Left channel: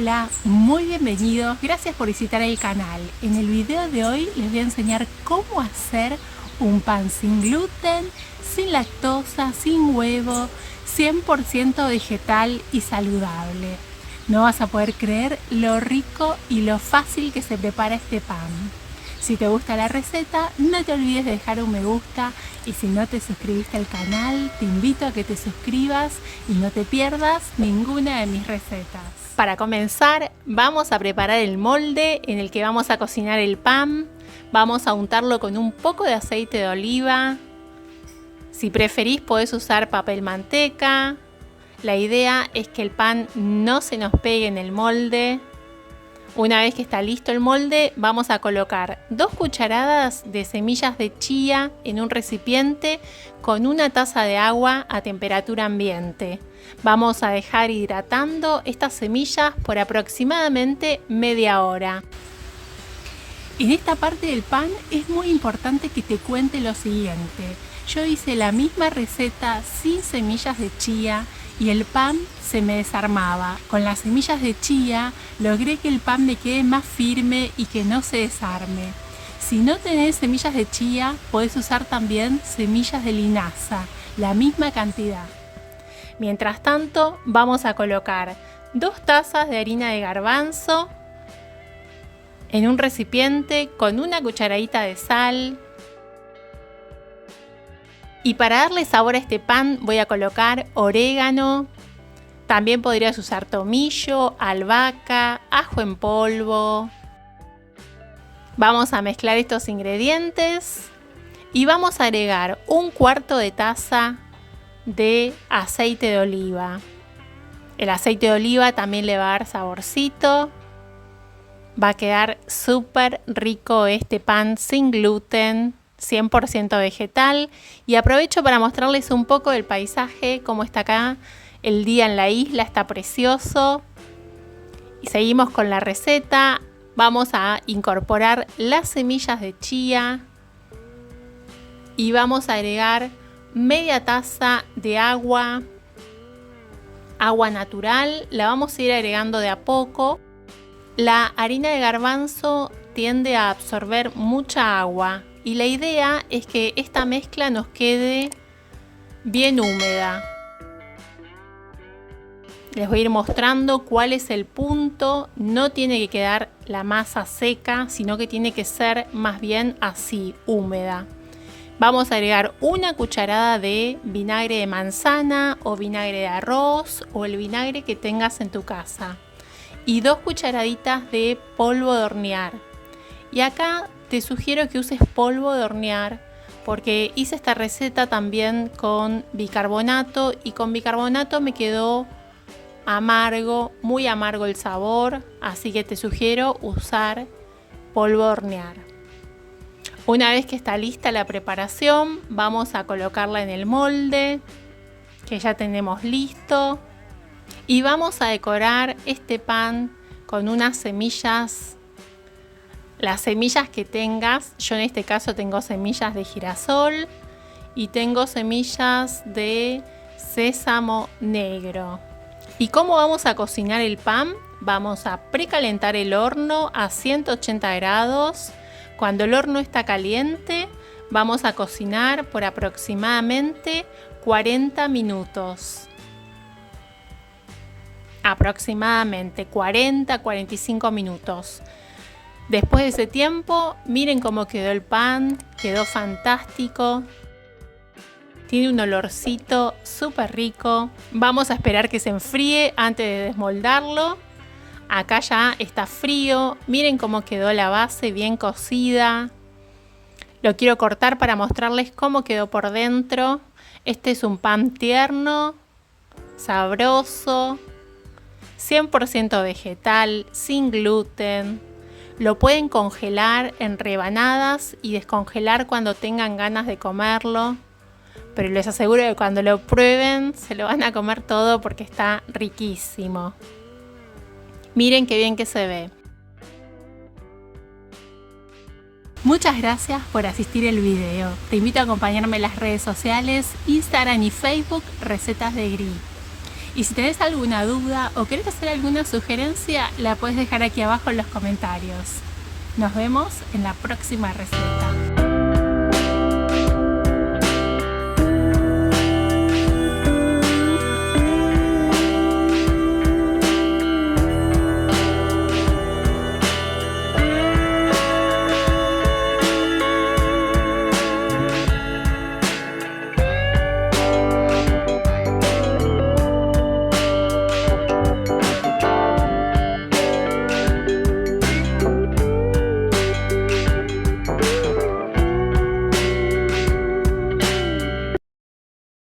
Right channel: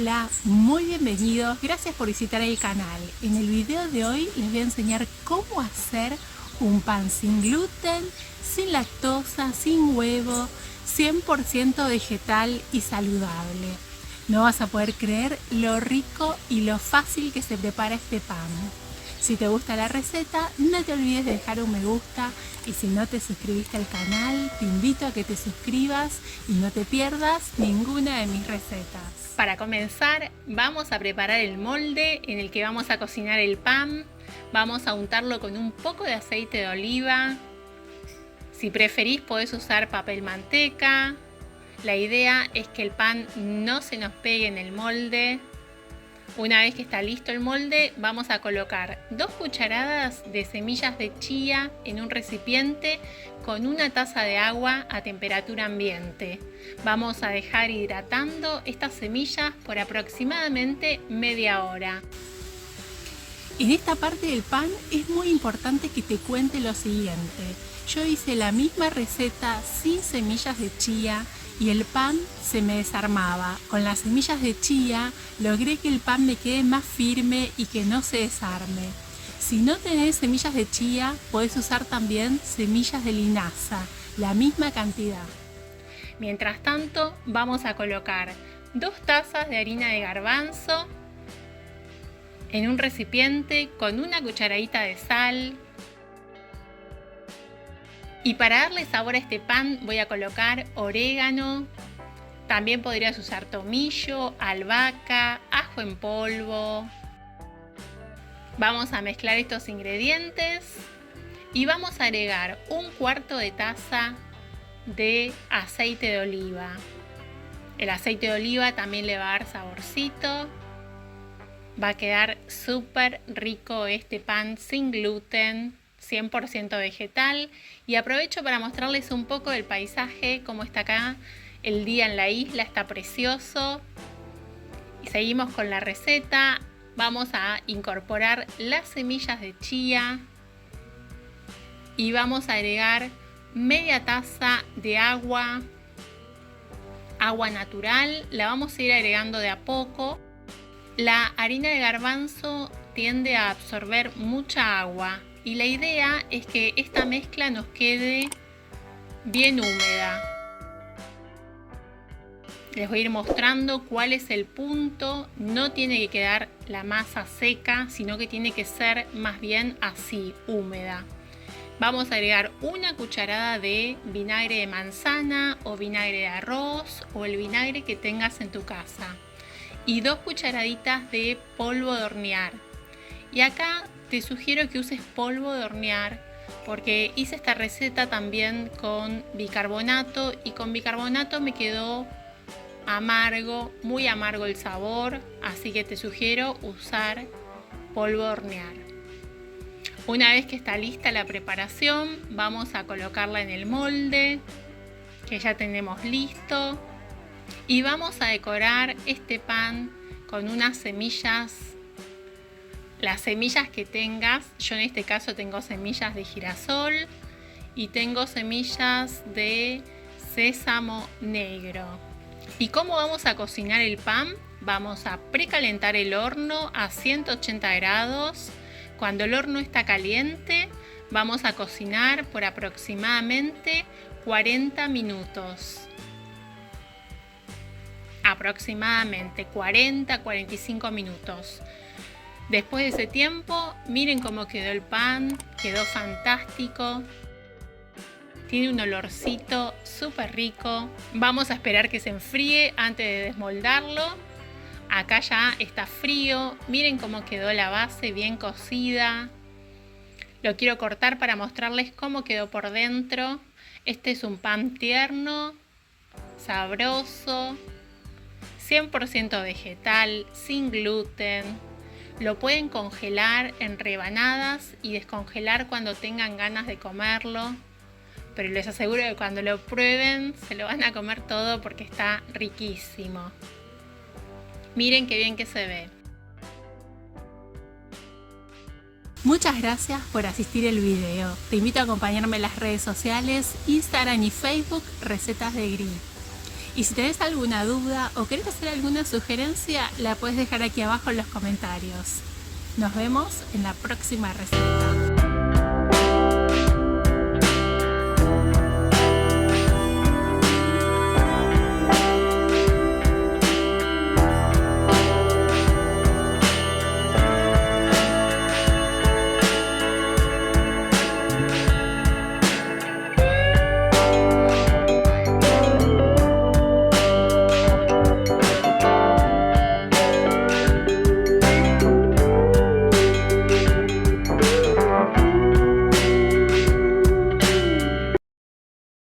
Hola, muy bienvenidos, gracias por visitar el canal. En el video de hoy les voy a enseñar cómo hacer un pan sin gluten, sin lactosa, sin huevo, 100% vegetal y saludable. No vas a poder creer lo rico y lo fácil que se prepara este pan. Si te gusta la receta, no te olvides de dejar un me gusta y si no te suscribiste al canal, te invito a que te suscribas y no te pierdas ninguna de mis recetas. Para comenzar, vamos a preparar el molde en el que vamos a cocinar el pan. Vamos a untarlo con un poco de aceite de oliva. Si preferís, podés usar papel manteca. La idea es que el pan no se nos pegue en el molde. Una vez que está listo el molde, vamos a colocar 2 cucharadas de semillas de chía en un recipiente con una taza de agua a temperatura ambiente. Vamos a dejar hidratando estas semillas por aproximadamente media hora. En esta parte del pan es muy importante que te cuente lo siguiente. Yo hice la misma receta sin semillas de chía y el pan se me desarmaba. Con las semillas de chía logré que el pan me quede más firme y que no se desarme. Si no tenés semillas de chía, podés usar también semillas de linaza, la misma cantidad. Mientras tanto, vamos a colocar 2 tazas de harina de garbanzo en un recipiente con una cucharadita de sal. Y para darle sabor a este pan voy a colocar orégano. También podrías usar tomillo, albahaca, ajo en polvo. Vamos a mezclar estos ingredientes y vamos a agregar 1/4 de taza de aceite de oliva. El aceite de oliva también le va a dar saborcito. Va a quedar súper rico este pan sin gluten, 100% vegetal. Y aprovecho para mostrarles un poco del paisaje, cómo está acá. El día en la isla está precioso. Y seguimos con la receta. Vamos a incorporar las semillas de chía. Y vamos a agregar media taza de agua. Agua natural. La vamos a ir agregando de a poco. La harina de garbanzo tiende a absorber mucha agua. Y la idea es que esta mezcla nos quede bien húmeda. Les voy a ir mostrando cuál es el punto. No tiene que quedar la masa seca, sino que tiene que ser más bien así, húmeda. Vamos a agregar 1 cucharada de vinagre de manzana o vinagre de arroz o el vinagre que tengas en tu casa. Y 2 cucharaditas de polvo de hornear. Y acá te sugiero que uses polvo de hornear porque hice esta receta también con bicarbonato y con bicarbonato me quedó amargo, muy amargo el sabor, así que te sugiero usar polvo de hornear. Una vez que está lista la preparación, vamos a colocarla en el molde que ya tenemos listo y vamos a decorar este pan con unas semillas. Las semillas que tengas, yo en este caso tengo semillas de girasol y tengo semillas de sésamo negro. ¿Y cómo vamos a cocinar el pan? Vamos a precalentar el horno a 180 grados. Cuando el horno está caliente, vamos a cocinar por aproximadamente 40 minutos. Aproximadamente 40-45 minutos. Después de ese tiempo, miren cómo quedó el pan, quedó fantástico. Tiene un olorcito súper rico. Vamos a esperar que se enfríe antes de desmoldarlo. Acá ya está frío. Miren cómo quedó la base bien cocida. Lo quiero cortar para mostrarles cómo quedó por dentro. Este es un pan tierno, sabroso, 100% vegetal, sin gluten. Lo pueden congelar en rebanadas y descongelar cuando tengan ganas de comerlo. Pero les aseguro que cuando lo prueben se lo van a comer todo porque está riquísimo. Miren qué bien que se ve. Muchas gracias por asistir el video. Te invito a acompañarme en las redes sociales, Instagram y Facebook, Recetas de Gris. Y si tenés alguna duda o querés hacer alguna sugerencia, la puedes dejar aquí abajo en los comentarios. Nos vemos en la próxima receta.